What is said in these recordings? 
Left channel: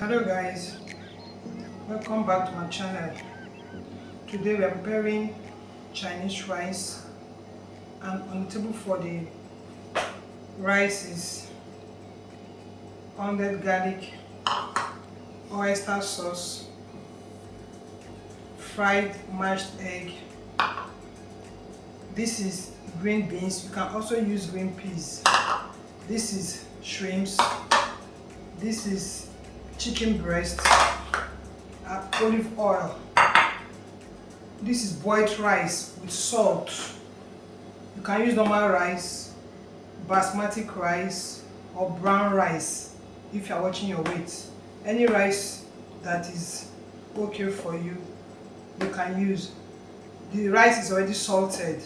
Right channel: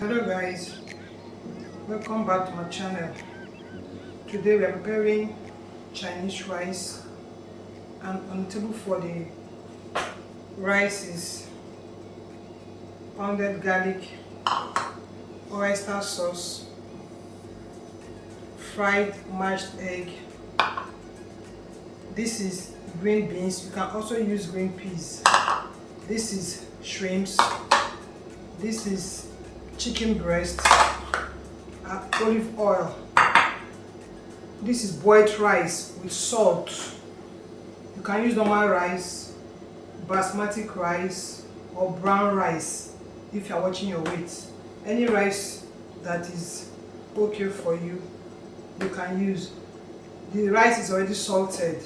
Hello guys, welcome back to my channel. Today we are preparing Chinese rice, and on the table for the rice is pounded garlic, oyster sauce, fried mashed egg. This is green beans. You can also use green peas. This is shrimps. This is chicken breast and olive oil. This is boiled rice with salt. You can use normal rice, basmati rice, or brown rice if you are watching your weight. Any rice that is okay for you, you can use. The rice is already salted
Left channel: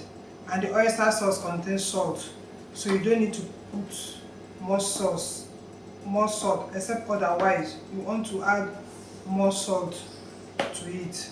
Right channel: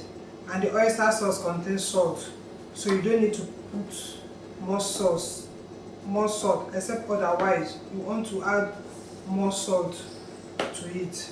and the oyster sauce contains salt, so you don't need to put more salt, except otherwise you want to add more salt to it.